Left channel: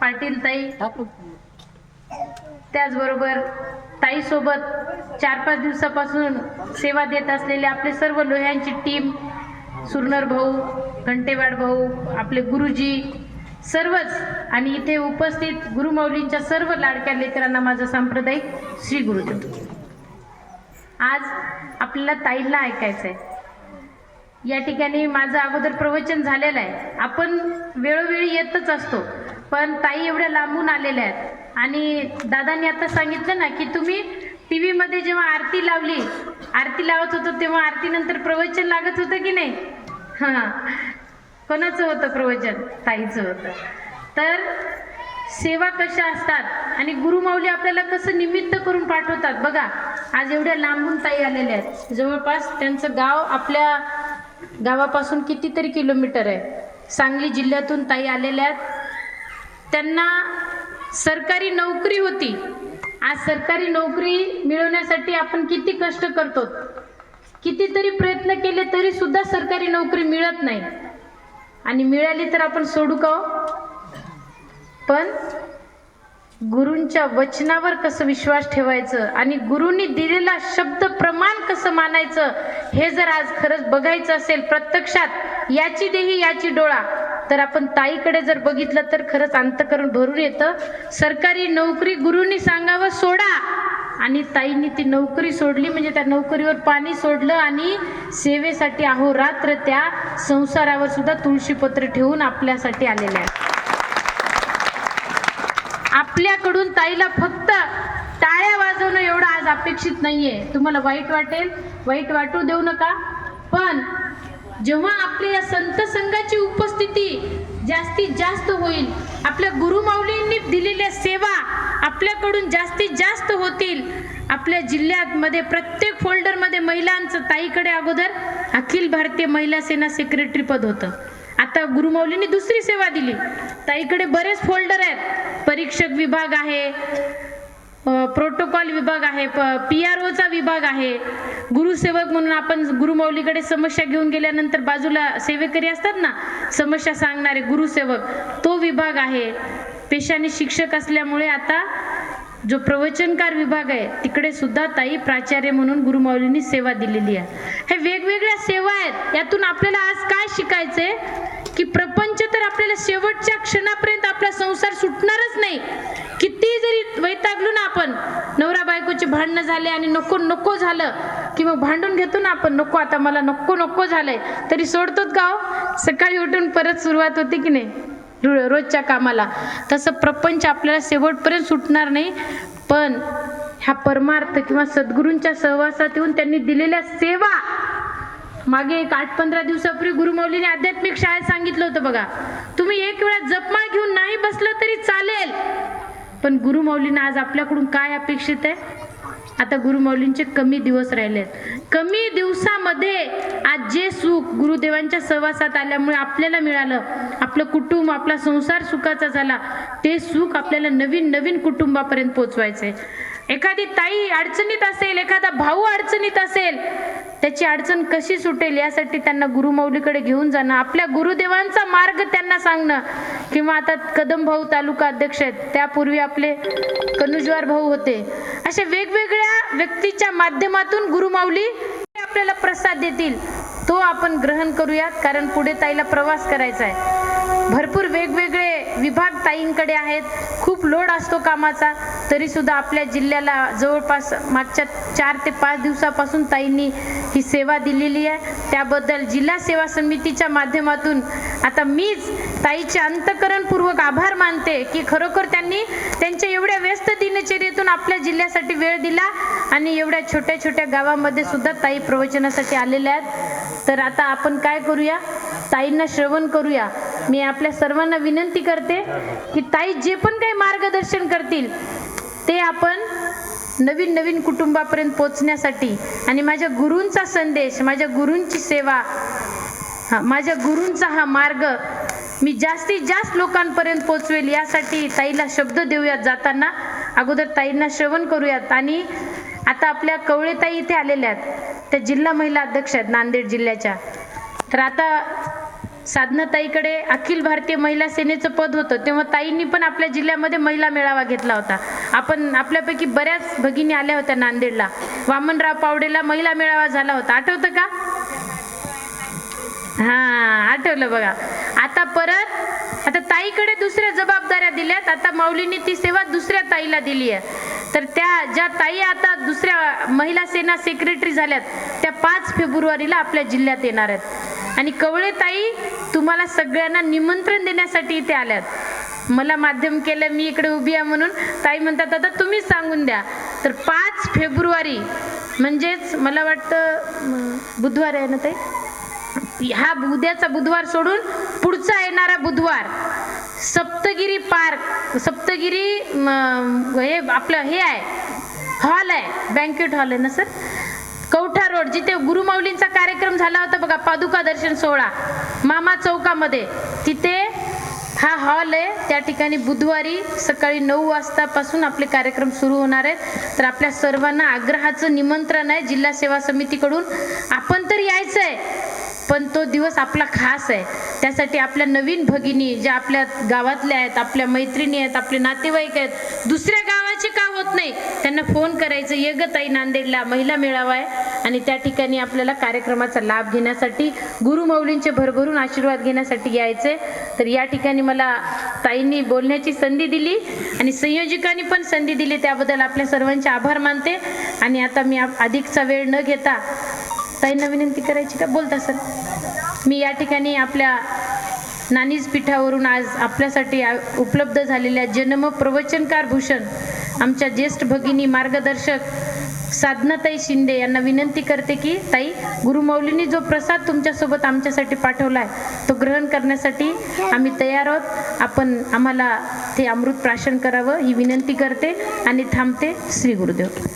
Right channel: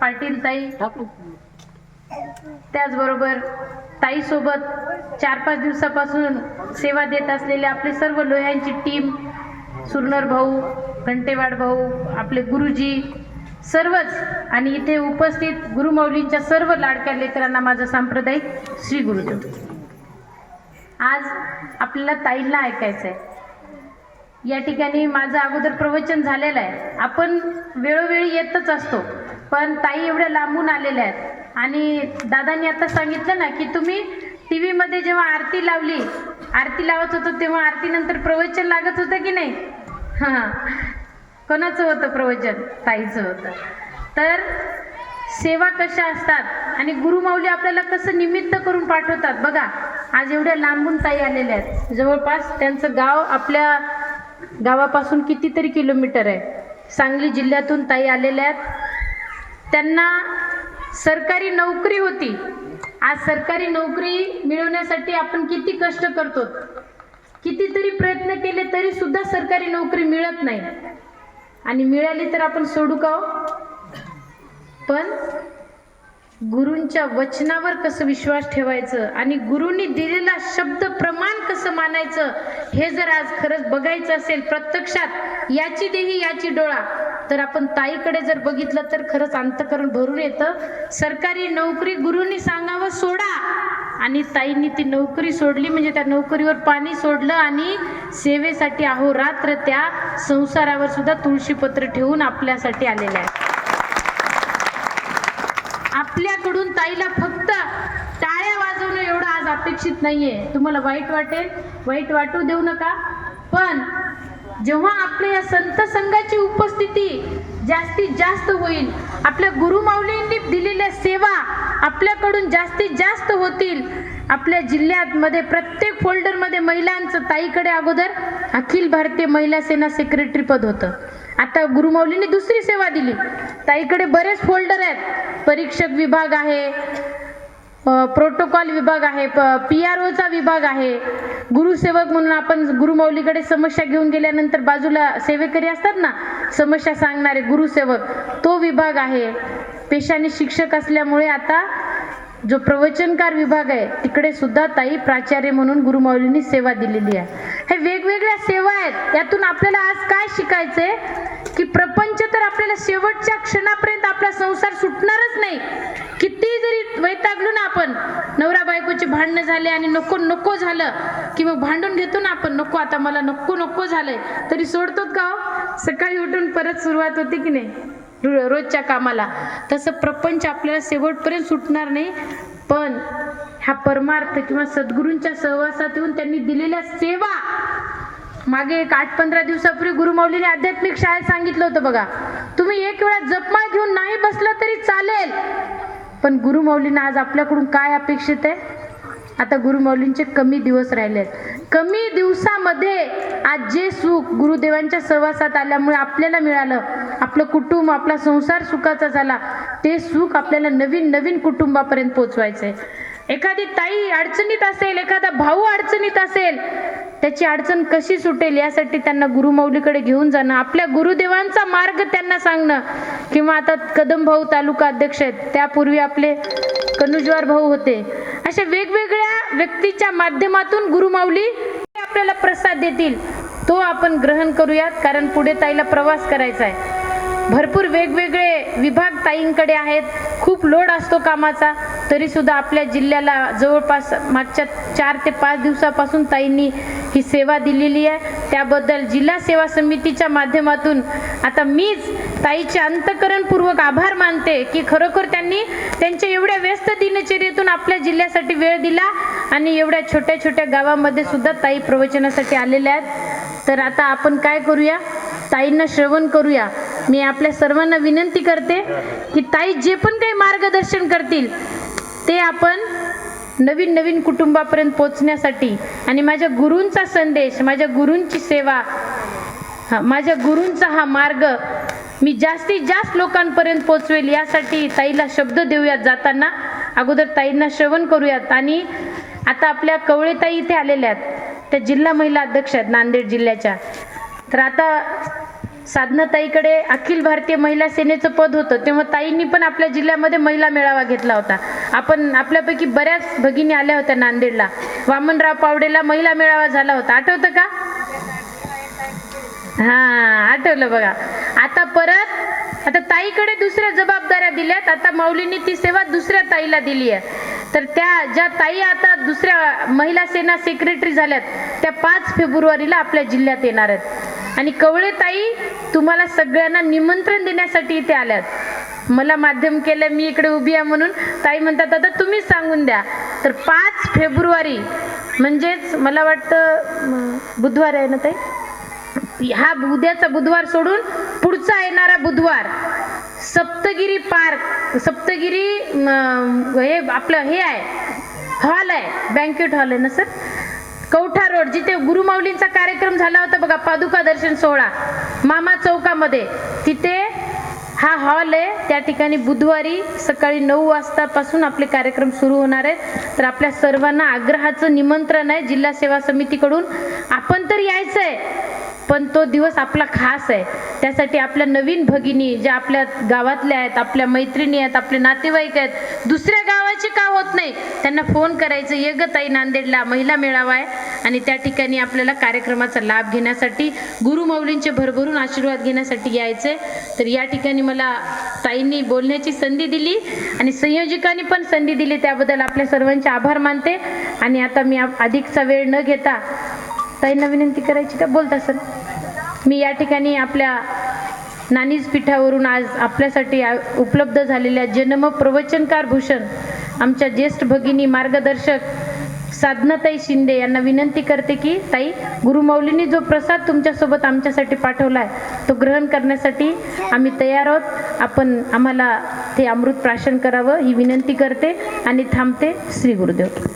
पाटील ताई. त्याचबरोबर ताईसोबत चार पाच दिवसापासून सेवा देत असलेले आपले सर्व लोह्यांची टीम सुरनर भाऊ घंटेवाड भाऊ आपले गुरुजी सर्वच. आणि इथे उपस्थित गुरुमाऊलींच्या सर्व लाडक्या लेकरांना माझं सांप्रदायिक श्री गुरुदेव. आज आपल्याला ताईंना ऐकायचं आहे या ठिकाणी माझं अगोदर प्रवचन झालेलं आहे. आपण वेळोवेळी येतच असतो. पण ताई एवढ्या लांबून आलेल्या आहेत. आणि दादांनी आता सांगितलं ना की तुम्ही टी व्हीमध्ये जेव्हा आरती लावली आरती लावत होतो तेव्हा आरतीनंतर प्रवचन लागत होतं की नाही? हां. कोणाचं होतं प्रवचन? ताईचं होतं. तर सेवा कशा असतात आणि गुरुमाऊली आपल्याला कसं निमित्त करून पाठवतात बघा. आज एवढ्या लांबून ताई आलेल्या आहेत. जवळपास त्यांचं गाव आपल्या गावापासून कितीतरी किलोमीटर आहे. सांगली जिल्ह्यातून ताई आलेल्या आहेत. त्यांना सरकारी नोकरी होती. आज सरकारी नोकरी मिळवण्यासाठी आपण किती कष्ट करतो? कितीतरी प्रयत्न केले तरी सुद्धा सरकारी नोकरी मिळत नाही. आणि मिळाली तर आपण सोडू का हो? पण गुरूंच्या वचनावर कसं विश्वास ठेवायचं आणि गुरुंनी दिलेला शब्द प्रमाण कसं मानायचं हे जर आज खरंच बघायचं असेल प्रत्यक्षात याची देही याची डोळा. तर आपण ताईकडे जर बघितलं तर खरंच अंतकरण भरून येतं. सरकारी नोकरी गुरुनी सांगावं सोडा. आणि ताईंनी ती नोकरी सोडली म्हणजे त्या नोकरीवर पाणी सोडलं आणि सेवेसाठी अहोरात्र त्या संसारावर सुद्धा तुळशीपत्र ठेवून आपल्यासाठी आलेल्या आहेत. आपल्याकडून ताईला फक्त टाळ्या वाजवणं एवढं आज अपेक्षित नाहीये. तुम्हाला वाईट वाटेल वाईट वाटू देऊ नका. पण जेव्हा आपल्या या संत संघाची उपस्थिती जास्तीत जास्त होईल आपल्या गुरुमाऊलींनी दिलेल्या सेवा आपल्याकडून जास्तीत जास्त होतील. आपल्या जिल्ह्यात मध्ये प्रत्येक फोल्डरमध्ये महिलांचं ताईकडे अगोदर अखिल भारतीय महिला सेना सेक्रेटरी पद होतं. आता गुरुमाऊलींनी दुसरी सेवा दिली. ताईकडे बरेच फोल्डर आहेत. परीक्षक विभाग आहे प्रोटोकॉल विभाग आहे प पी आर ओचा विभाग आहे. गुरुसेवक म्हणून आपण गुरुमौलीकडे समस्या घेऊन गेल्यानंतर बाजूला सेवेकरी असतात ना समस्या सांगणारे गुरुसेवक तो विभाग आहे. पेशाने शिक्षक असल्यामुळे आता जो प्रवचनकार विभाग आहे तिकडे सुद्धा ताई प्राचार्य म्हणून गुरुमौलींनी सेवा दिलेली आहे. हे वेगवेगळ्या सेवा आहेत यातून आपल्याला आज काय शिकायचंय? की प्र प्रपंच तर आपल्याला शेवटच्या क्षणापर्यंत आपला संसार सुटणारच नाही. किती जरी वैतागलो ना आपण नवरा बायकोचे भांडणं झाले आणि नको नको झालं की मग भांडून घेतो ना आपण नको आता मला नको नको झालंय. तरी सोडतोच गाव हो? सकाळी उठून परत सुरुवात होते की नाही? रोजच्या कामाला. तसं प्रपंच आपल्याला शेवटपर्यंत सुटणार नाही पण ह्या परमार्थ किंवा सद्गुरूंच्या सहवासात येऊन त्यांनी दिलेल्या सेवा मागे एक आठ पंधरा दिवसापूर्वी गुरुमौलीने आध्यात्मिक शाळेत सांगितलं होतं बघा. तुम्ही एक वेळा जपमाळ घेऊन नाही बसलं तरी चालेल. पण गुरुमौलीनं आज आपल्याकडून काय अपेक्षित आहे? आता गुरुमौलींचे कमी दिवस राहिले आहेत. कमी दिवसामध्ये आज जे सुख गुरुदेवांच्या सहवासात आल्यामुळे आपल्याला मिळालं आपलं कुटुंब आपला संसार सुखाचा झाला ते सुख आपल्याला नवीन नवीन कुटुंबापर्यंत पोचवायचं आहे एखादी ताई अडचणीत असेल एखादा भाऊ अडचणीत असेल त्याची अडचण कशी सुटेल यासाठी त्यांना गुरुमौलीकडे घेऊन जाणं आपल्या गुरुदेवांचा मार्ग त्यांना सांगणं. किंवा आता कदम भाऊ तालुका अध्यक्ष आहेत त्यापूर्वी आपले कनुजवार भाऊ होते. अशा वेगवेगळ्या व्यक्तीच्या माध्यमातून गुरुमाऊली आपल्याला प्रसाद देतील. तो आपण ग्रहण करूयात कारण पुढे ताईला प्रवास करायचा आहे. भरपूर वेगवेगळे विभाग ताईंकडे आहेत. खूप लोड असतो कामाचा. तरी सुद्धा आपल्या जिल्ह्याला जवळपास मागच्या चार ते पाच दिवसापासून ताईंनी ही सेवा दिलेली आहे. त्याबद्दल जिल्हा सेवा समितीच्या माध्यमातून आता मीच ताईचे अंतकरणपूर्वक आभार मानते की खरोखर त्यांनी त्यांच्या एवढ्या व्यस्त दिनचर्येतून आपल्या जिल्ह्यासाठी वेळ दिला आणि एवढ्या छोट्या छोट्या गावामध्ये सुद्धा ताई प्रवचनासाठी आलेल्या आहेत. तर आता आपण काय करूया? ताईंना श्रवण करूया. मी आपल्या सर्वांना विनंती करते की ताई जे पण काही मार्गदर्शन करतील ते आपण नवीन नवीन कुटुंबापर्यंत पोचण्यासाठी आणि माझ्या गुरूंचा संदेश माझ्या गुरूंची सेवा हा माझ्या गुरूंचा हा मार्ग मी जास्तीत जास्त लोकांपर्यंत पोचवेल यासाठी ताईला शब्द देऊयात जाताना. अगोदर ताईंना श्रवण करूयात आणि आता आपल्या कवळेताई इथे आलेल्या आहेत. त्या जिल्हा महिला अध्यक्ष आहेत नांदेड जिल्ह्याच्या. तर आता साधनाताईकडे अखिल भारतीय महिला सेनेचं पद होतं तेव्हा ताईंनी पण आपल्या जिल्ह्यामध्ये महिला मेळावा घेतला होता. आपण आपल्यापैकी बऱ्याच भगिनी आल्या होत्या नांदेडला. वामनराव पावडेला महिला मेळावा झाला होता. आठवतं का? हा आठवलं बघा. आता परत आता ताईकडे दुसऱ्या जबाबदाऱ्या दिल्यात. आता माऊलीने ती सेवा दुसऱ्या ताईला दिली आहे. तर त्या ज्या ताई आता दुसऱ्या महिला सेना सेक्रेटरी झाल्यात त्या पाच फेब्रुवारीला आपल्या जिल्ह्यात येणार आहेत. आणि कवळे ताई तुम्हाला सगळ्यांना निमंत्रण देण्यासाठी इथे आल्यात. मला माध्यम केलं मी इकडे उभी आहे म्हणून. ताई म्हणतात आता तुम्हीच सांगून द्या. तर पाच फेब्रुवारी म्हणजेच मला वाटतं बुधवार आहे ना ताई? हा उद्याचा बुधवार सोडून पुढचा येणारा बुधवार सप्तगिरी पार्क सप्तगिरी हे आपलं हे आहे हॉल आहे बँक्वेट हॉल आहे ना सर? कवठा रोड जिथे गुरुमौलींचा कार्यक्रम झाला होता बघा पादुका दर्शन सोहळा मामा चौकामध्ये. तिथे हा हॉल आहे. त्या ठिकाणी बुधवारी सकाळी नऊ वाजतापासून आपले कार्यक्रम सुरू होणार आहेत. तर आपल्या सर्वांना आग्रहाचं निमंत्रण आहे जिल्हा सेवा समितीकडून. आपण तर यायचं आहे पण तो दिवस आपला खास आहे. त्यासाठी आपल्या नवीन भगिनी ज्या आपल्या गावातल्या आहेत आपल्या मैत्रिणी आहेत आपले नातेवाईक आहेत दुसऱ्या गावाचे का होत नाही? त्यांना फोन करायचं ये ताई नांदेडला महिला मेळावा आहे. आणि त्या ठिकाणी आपल्याला कार्यक्रमाचा लाभ घेण्यासाठी गुरुमौलींचे भरभरून आशीर्वाद घेण्यासाठी यायचे तर या ठिकाणी मला ताईंनी बोलण्याची संधी दिली आणि संयोजकांनी पण संधी दिली. त्याबद्दल आपल्या सर्वांचे आभार मानते. आणि आता मी अधिकचा वेळ न घेता ताईंना विनंती करायची का? बोलता सर. मी या ठिकाणी आपल्या नानीज पीठावरून आज आपल्यासाठी उपलब्ध झालेल्या जन्म प्रवचनकार भूषण आमच्या ज्येष्ठ भगिनी मार्गदर्शक साधनाताई शिंदे यांना विनंती करते की ताई गुरुमौलींनी जो प्रसाद तुमच्यासोबत आमच्यासाठी पाठवला आहे तो ग्रहण करण्यासाठी आम्ही तयार आहोत. आपण आम्हाला ते अमृत प्राशन करावं ही विनंती करते आणि थांबते श्री गुरुदेव.